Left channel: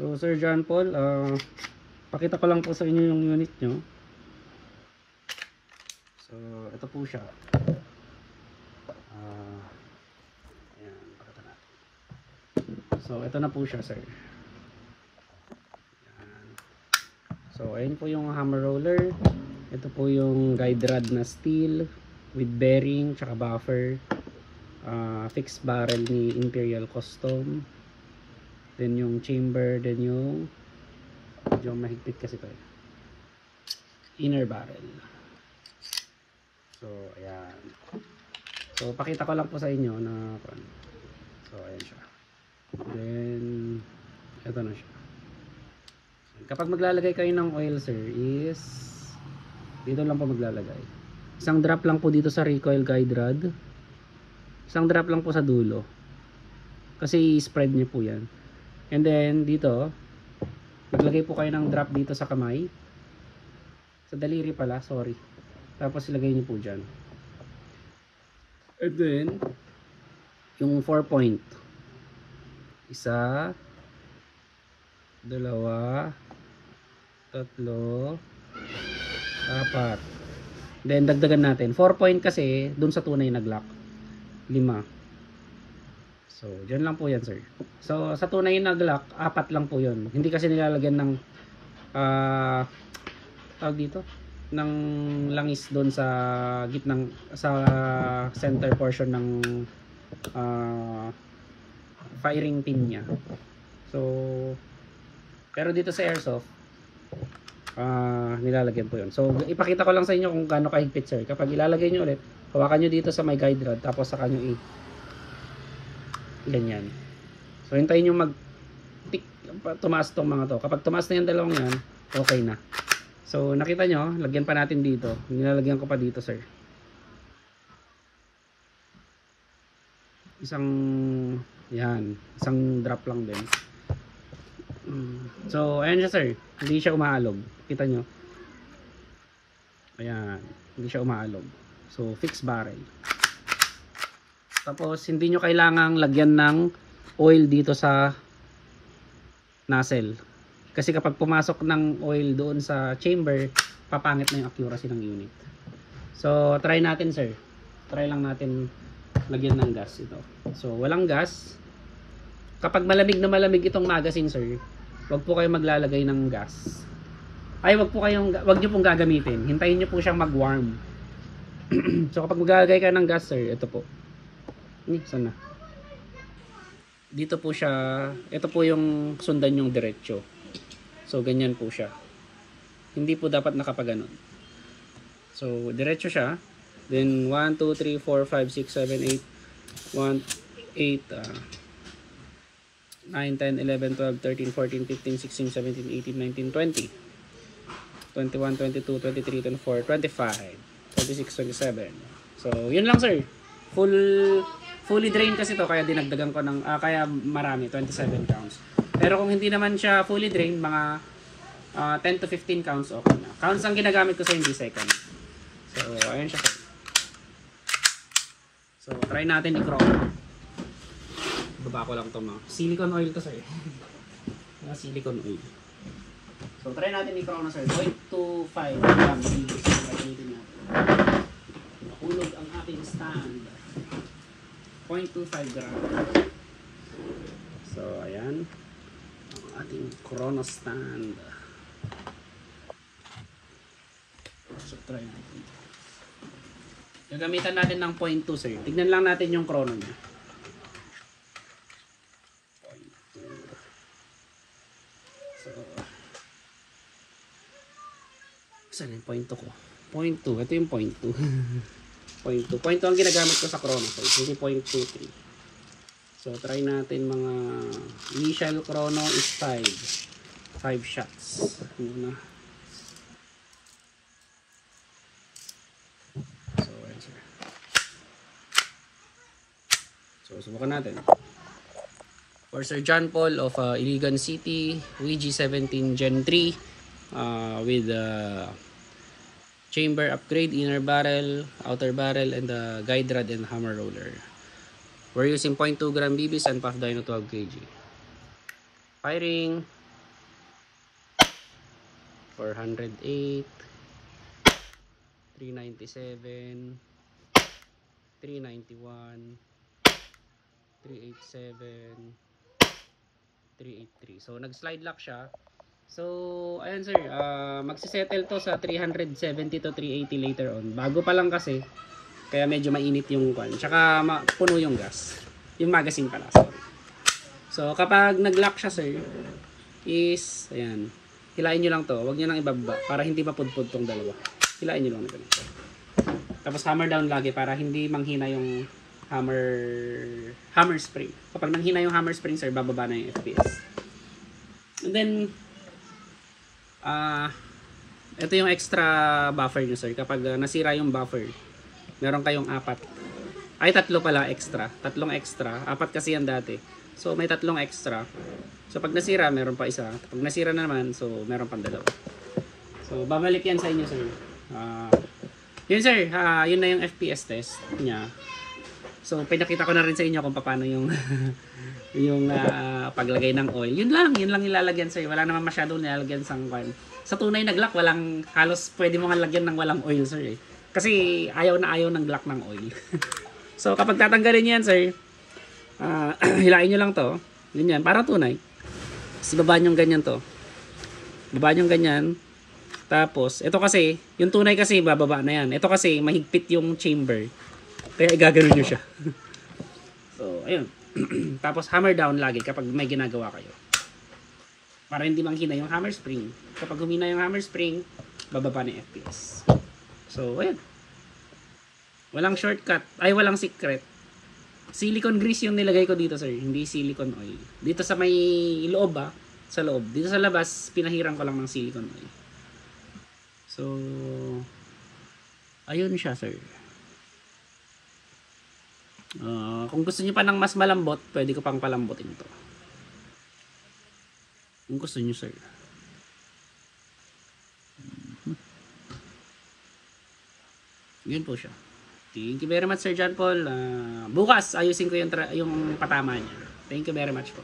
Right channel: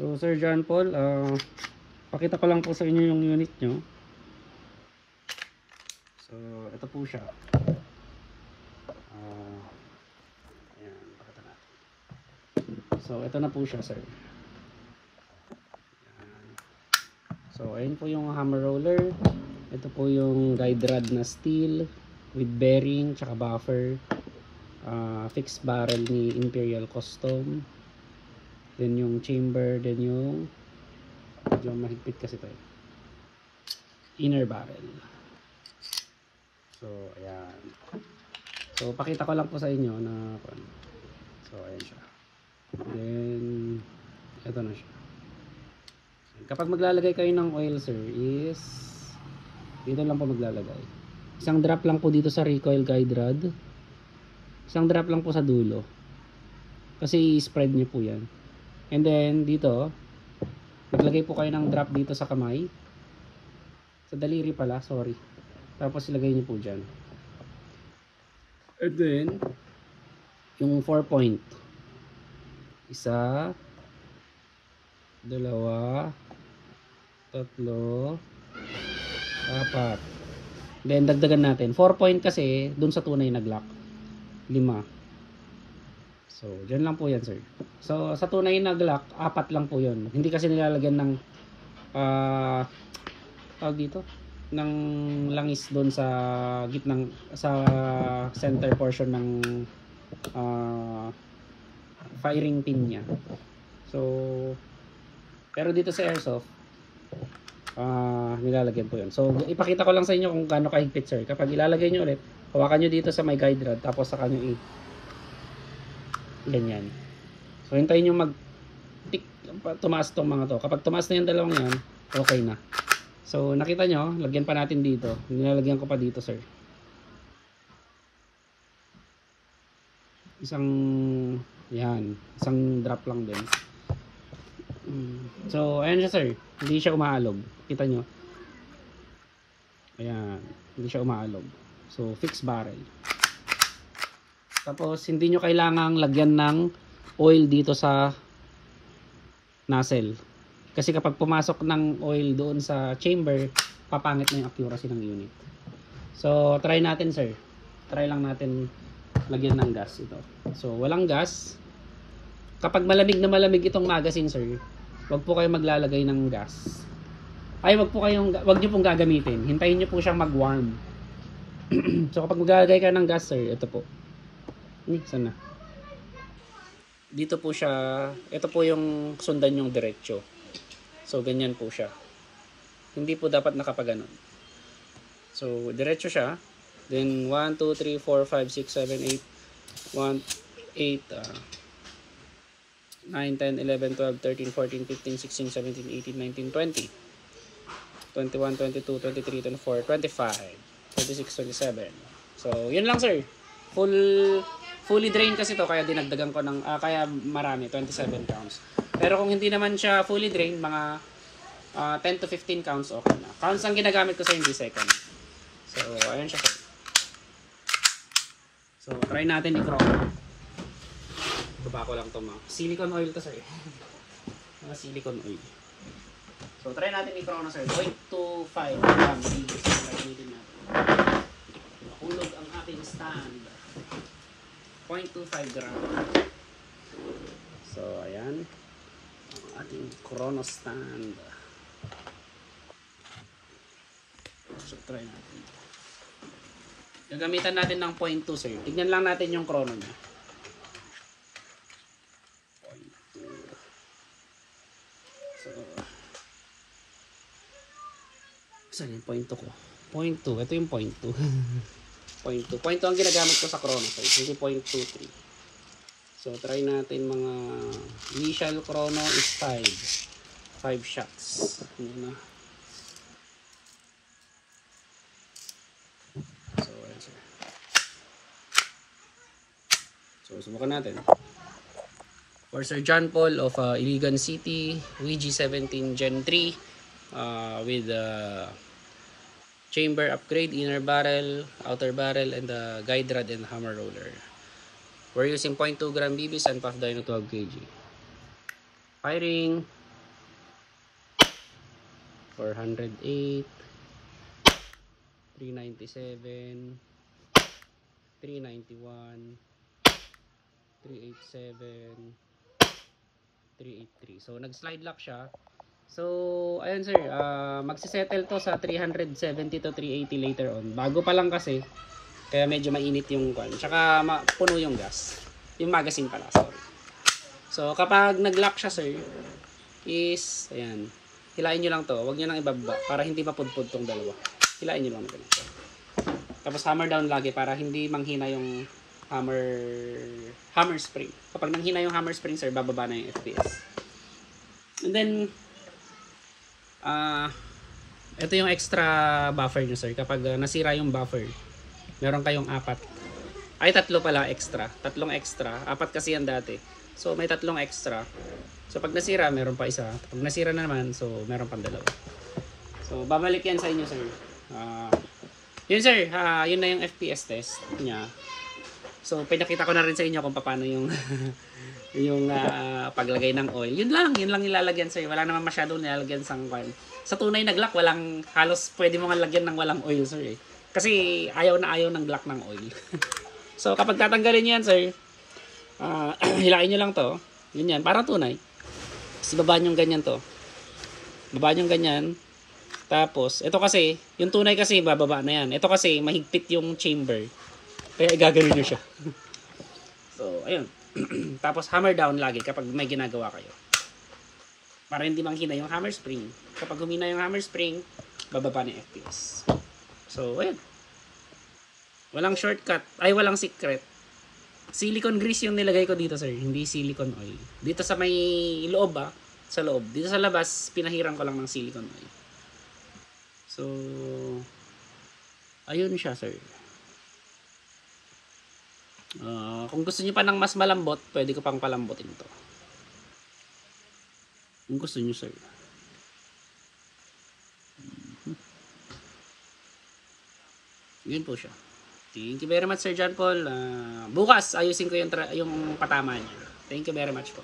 So Sir John Paul, pakita ko lang po sa inyo yung unit nyo. So ito po siya. Ayan, pakita na. So ito na po siya, sir. So ayun po yung hammer roller. Ito po yung guide rod na steel with bearing tsaka buffer. Fixed barrel ni Imperial Custom. Then yung chamber, then yung medyo mahigpit kasi tayo. Inner barrel. So ayan. So pakita ko lang po sa inyo na so ayan siya. Then ito na siya. Kapag maglalagay kayo ng oil, sir, is dito lang po maglalagay. Isang drop lang po dito sa recoil guide rod. Isang drop lang po sa dulo. Kasi i-spread nyo po yan. And then dito, maglagay po kayo ng drop dito sa kamay. Sa daliri pala, sorry. Tapos ilagay nyo po dyan. And then, yung 4 point. Isa, dalawa, tatlo, apat. Then dagdagan natin 4 point kasi dun sa tunay na Glock 5. So dyan lang po yan, sir. So sa tunay na Glock 4 lang po yun. Hindi kasi nilalagyan ng tawag dito ng langis doon sa gitnang sa center portion ng firing pin niya. So pero dito sa airsoft nilalagyan po yun. So ipakita ko lang sa inyo kung gaano kahigpit, sir. Kapag ilalagay nyo ulit, hawakan nyo dito sa may guide rod, tapos saka nyo ganyan. So hintayin nyo mag tumaas tong mga to. Kapag tumaas na yung dalawang yan, okay na. So nakita nyo, lagyan pa natin dito. Nilalagyan ko pa dito, sir. Isang drop lang din. So ayan siya, sir. Hindi siya umaalog. Kita nyo. Ayan, hindi siya umaalog. So fixed barrel. Tapos hindi nyo kailangang lagyan ng oil dito sa nozzle. Kasi kapag pumasok ng oil doon sa chamber, papangit na yung accuracy ng unit. So try natin, sir. Try lang natin lagyan ng gas ito. So walang gas. Kapag malamig na malamig itong magazine, sir, wag po kayo maglalagay ng gas. Ay, wag niyo pong gagamitin. Hintayin niyo po siyang mag-warm. So kapag maglalagay kayo ng gas, sir, ito po. Sana. Dito po siya, ito po yung sundan yung diretso. So ganyan po siya. Hindi po dapat nakapaganon. So diretso siya. Then 1 2 3 4 5 6 7 8 1 8 9 10 11 12 13 14 15 16 17 18 19 20 21 22 23 24 25 26 27. So yun lang, sir. Fully drained kasi to, kaya dinagdagan ko ng kaya marami, 27 counts. Pero kung hindi naman siya fully drained, mga 10 to 15 counts, okay na. Counts ang ginagamit ko sa hindi second. So ayan siya, sir. So try natin i-chroma. Baba ko lang ito, mga silicone oil to, sir. Mga silicone oil. So try natin i-chroma, sir. 0.25 grams. Gamitin natin. Nahulog ang aking stand. 0.25 grams. So ayan ang ating chrono stand. So try natin. Gagamitan natin ng 0.2, sir. Tignan lang natin yung chrono niya. 0.2. So saan yung 0.2 ko? 0.2. Ito yung 0.2. 0.2. 0.2 ang ginagamit ko sa chrono, sir. Hindi 0.23. So try natin mga initial chrono is 5 shots. Ano na? So ayan siya. So subukan natin. For Sir John Paul of Iligan City, VG17 Gen 3 with chamber upgrade, inner barrel, outer barrel, and the guide rod and hammer roller. We're using 0.2 gram BBs and puff dyno 12 kg. Firing! 408, 397, 391, 387, 383. So nag-slide lock siya. So ayan sir, magsisettle to sa 370 to 380 later on. Bago pa lang kasi, kaya medyo mainit yung coin. Tsaka puno yung gas. Yung magazine pala. So kapag nag-lock siya sir, is ayan, hilain nyo lang to. Huwag nyo lang ibaba para hindi mapudpud tong dalawa. Hilain nyo lang ganito. Tapos hammer down lagi para hindi manghina yung hammer spring. Kapag nanghina yung hammer spring sir, bababa na yung FPS. And then ito yung extra buffer nyo sir. Kapag nasira yung buffer, meron kayong tatlo pala extra. Tatlong extra. Apat kasi yan dati. So may tatlong extra. So pag nasira, meron pa isa. Pag nasira naman, so meron pang dalawa. So babalik yan sa inyo sir. Yun sir, yun na yung FPS test niya. So pinakita ko na rin sa inyo kung paano yung yung paglagay ng oil. Yun lang ilalagyan sir. Wala naman masyadong nilalagyan sa oil. Sa tunay na Glock, halos pwede mo nga lagyan ng walang oil sir. Kasi ayaw ng Glock ng oil. So kapag tatanggalin niyo yan sir, hilain nyo lang to. Yun yan, parang tunay. Tapos babaan yung ganyan to. Babaan yung ganyan. Tapos, ito kasi, yung tunay kasi bababa na yan. Ito kasi, mahigpit yung chamber. Kaya igagano nyo siya. So, ayun. Tapos, hammer down lagi kapag may ginagawa kayo. Para hindi manghina yung hammer spring. Kapag humina yung hammer spring, bababa na yung FPS. So, ayun. Walang shortcut. Ay, walang secret. Silicone grease yung nilagay ko dito sir, hindi silicone oil. Dito sa may loob sa loob. Dito sa labas, pinahiran ko lang ng silicone oil. So, ayun siya sir. Kung gusto niyo pa ng mas malambot, pwede ko pang palambutin to. Kung gusto niyo sir. Yun po siya. Thank you very much Sir John Paul. Bukas ayusin ko yung patama niya. Thank you very much po.